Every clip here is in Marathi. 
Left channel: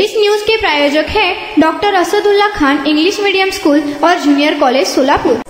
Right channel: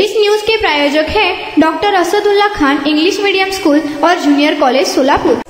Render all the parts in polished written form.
इस न्यूज के प्रायोजक हैं doctor Asadullah Khan English medium school और जूनियर कॉलेज सोलापुर।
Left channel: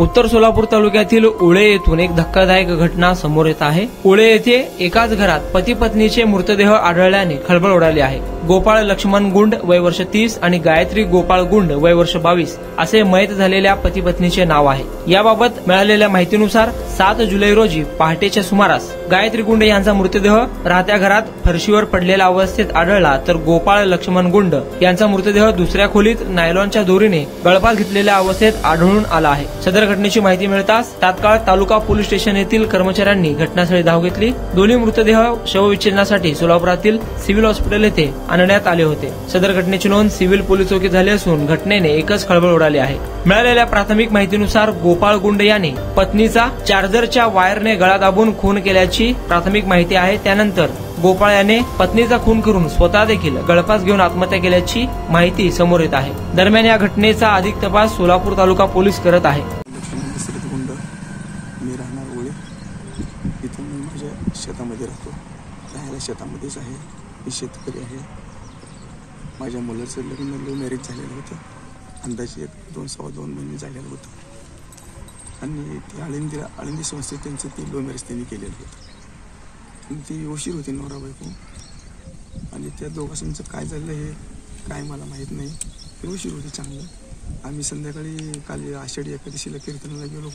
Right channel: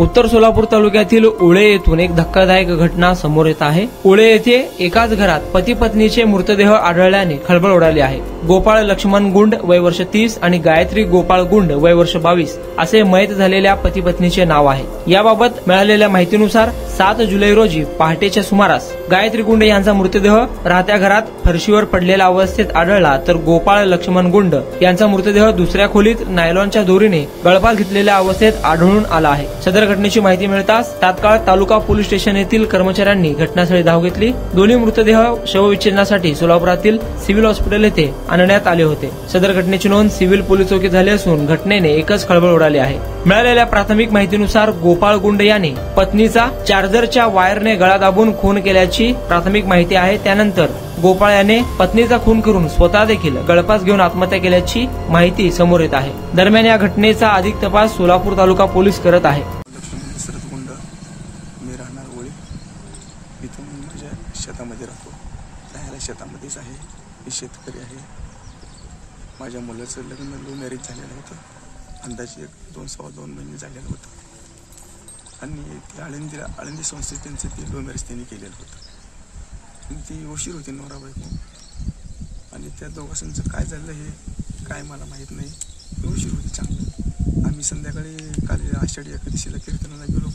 उत्तर सोलापूर तालुक्यातील उळे येथून एक धक्कादायक घटना समोर येत आहे। उळे येथे एकाच घरात पती पत्नीचे मृतदेह आढळल्याने खळबळ उडाली आहे। गोपाळ लक्ष्मण गुंड वय वर्ष 30 आणि गायत्री गोपाळ गुंड वय वर्ष 22 असे मयत झालेल्या पती पत्नीचे नाव आहे। याबाबत मिळालेल्या माहितीनुसार 7 जुलै रोजी पहाटेच्या सुमारास गायत्री गुंड यांचा मृतदेह राहत्या घरात फरशीवर पडलेल्या अवस्थेत आढळला, तर गोपाळ लक्ष्मण गुंड यांचा मृतदेह दुसऱ्या खोलीत नायलॉनच्या दोरीने गळफास घेतलेल्या अवस्थेत आढळून आला आहे। सदर घटनेची माहिती मिळताच तात्काळ तालुका पोलीस स्टेशन येथील कर्मचाऱ्यांनी घटनास्थळी धाव घेतली। दोन्ही मृतदेह शवविच्छेदनासाठी सोलापुरातील सिव्हिल हॉस्पिटल येथे आणण्यात आले होते। सदर घटनेची नोंद सिव्हिल पोलीस चौकीत झाली असून घटनेने एकच खळबळ उडाली आहे। मिळालेल्या प्राथमिक माहितीनुसार गोपाळ गुंड याने पत्नीचा चार्जरच्या वायरने गळा दाबून खून केल्याची प्राथमिक माहिती आहे। त्यानंतर गोपाळ याने पत्नीचा खून करून स्वतः देखील गळफास घेऊन आत्महत्या केल्याची माहिती समोर येत आहे। दरम्यान या घटनेचा अधिक तपास सोलापूर तालुका पोलीस करत आहे। शेतामध्ये राहतो, राहायला शेतामध्येच आहे। मी शेतकरी आहे। माझ्या मुलाचं लग्न लव्ह मॅरेज झालेलं होतं, अंदाजे 2-2.5 महिने झालेलं होतं आणि ते आळंदी संस्थेत त्यांचं ते लव्ह मॅरेज त्यांनी केलेलं होतं आणि ती उशीर होती नवरा बायको आणि त्या दोघांचं काय झालं हे काय मला माहीत नाही। ते उशीर होती चांगलं। आम्ही संध्याकाळी काल आषाढी एकादशीला कीर्तनाला गेलो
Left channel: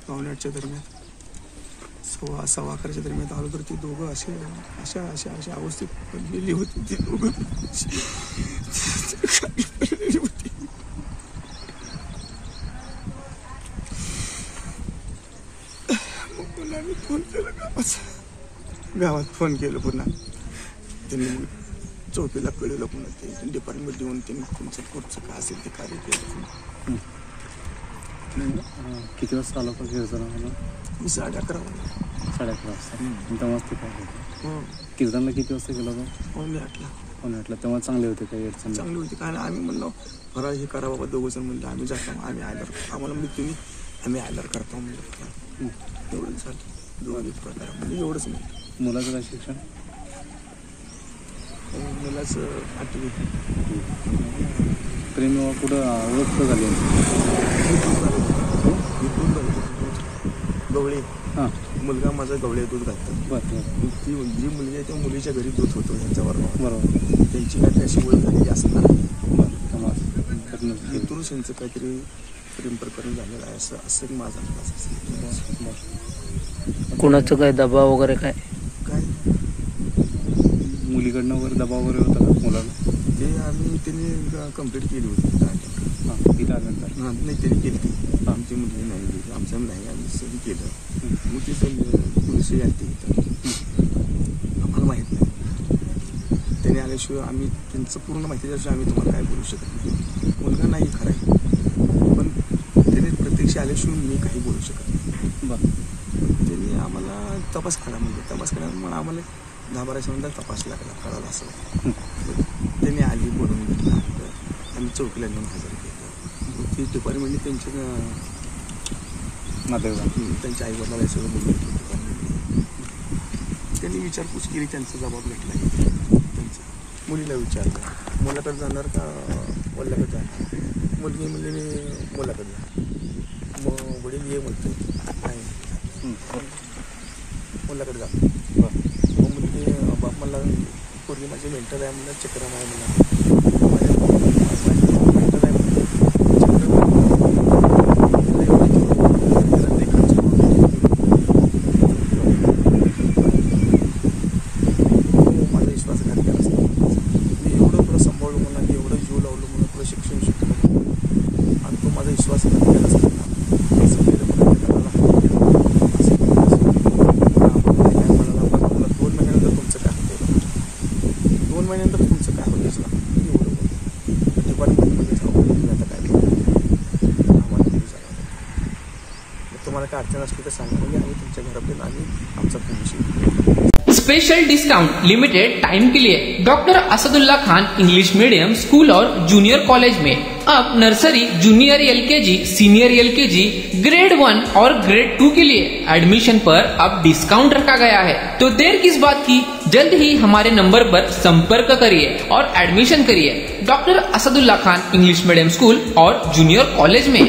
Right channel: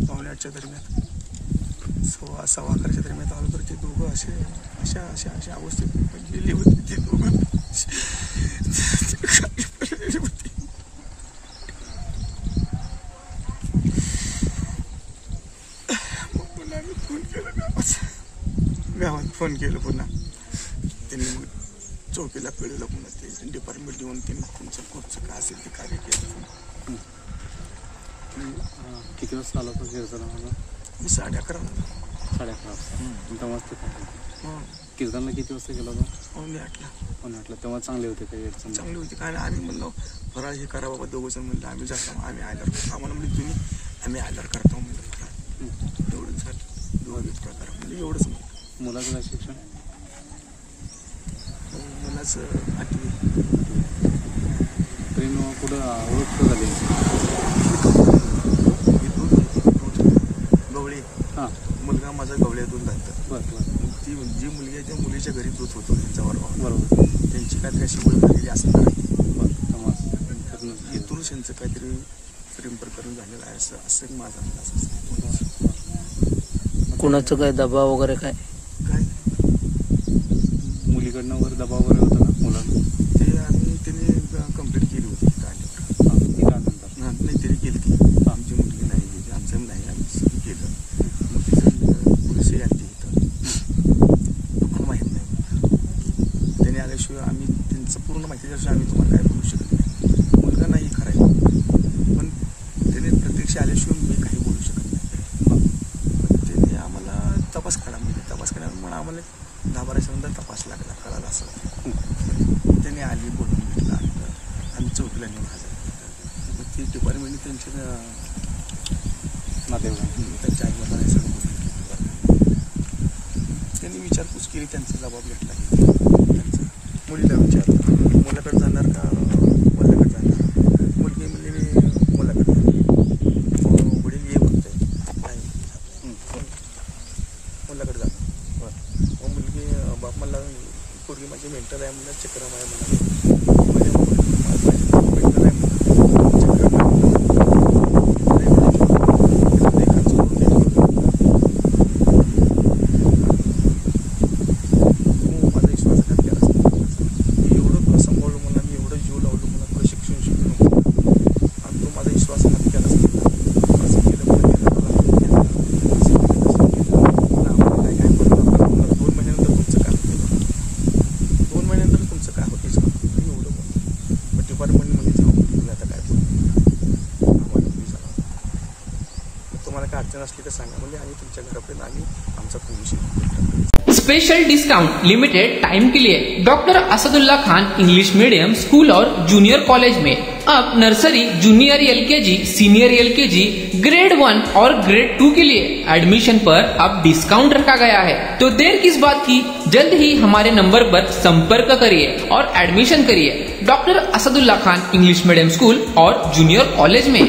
9:30च्या दरम्यान, 11:15च्या दरम्यान आलो तर ते दोघं अशा अवस्थेत पडलेली होती। ती दोघं मग पुन्हा मी फोन केला गावात फोन केलं पुन्हा त्यांनी मग चौकीला कळलं पुन्हा ते डिपार्टमेंट येऊन त्यांनी तुमचं कोर्टचं काय असेल ते कार्य केलं। किती वाजता आला होता? मी 11:30 कीर्तनला किती वाजता गेला होता? 8:00 तेव्हा चांगले होते काही अडचण? चांगली होती काय आम्ही म्हणलो फराळ हे करा बाबा, दोघं जण म्हणलं आम्ही जातो, आम्ही आयलर आम्हाला म्हणजे तुम्ही आम्ही आयलर करतो म्हणलं। एवढंच झालं, दोघे प्रकार म्हणजे एवढंच नाही। मुलाचं काय शिक्षण? मुलाचं 8वी। ट्रेन कुठं ओळख झाली? गवळे मुलगा माझा गवळे दूध घालतात। ती जी मुलगी आहे त्या मुलीच्या घरी दूध होतो त्यांचा बरोबर, त्यांची काहीतरी अशी ओळख झालेली असणार, इथूनच त्यांचं काहीतरी प्रेम प्रकरण झालेलं आहे असं माझा अंदाज। कोणाचं काय दबाव वगैरे काय मुलीकडनं वगैरे दबाव वगैरे होता मुलाला? ते आम्ही त्यांनी कंप्लीट केली होती नाही त्यांनी केलं, आमची मुलगी नाही गेली, आमच्या नाही आम्ही सगळी केलं। मग तिथं पोलिस आणते आम्हाला माहीत नाही, त्याने आल्याशिवाय आम्ही त्यांचं पूर्ण माहिती दिल्याशिवाय आम्ही तुम्हाला काय बोलू शकत नाही। मुलगा नाही खरं आहे पण त्याने प्रत्यक्ष आल्याशिवाय मी काही बोलू शकत नाही। त्याने आम्हाला तपास करा म्हणून आम्हाला 10-12च्या नंतर तपास लागला करायला असं त्याने आली बोलून घेतला, आम्ही चौकीला नेऊन हजर केलं। ती डिपार्टमेंटने त्यांच्या आई वडिलांना सगळं बोलून घेतलं, त्यांनी विचारपूस केली, त्यांचा जबाब घेतला। मुलीला विचारलं मुलाकडे जाणार का वडिलाकडे जाणार, मुलगी म्हणजे मी मुलाकडे, वडील ये म्हणतो नाही मुलाकडे जाणार। मग मुलगी बाप मला पूर्वी माझी मेंटल आहे म्हणलं, चक्र आहे म्हणलं, मेंटल आहे त्यांच्या घरापर्यंत आम्ही आमचा प्रवेश केला. स्पेशल डिस्काउंट लिमिटेड टाइम के लिए doctor Asadullah Khan English medium school और जूनियर कॉलेज में अब nursery, junior LKG, senior LKG, grade 1 और ग्रेड 2 के लिए एडमिशन पर अब डिस्काउंट रखा गया है. तो देर किस बात की, जल्द ही हमारे नंबर पर संपर्क करिए और एडमिशन करिए doctor Asadullah Khan English medium school और जूनियर कॉलेज में.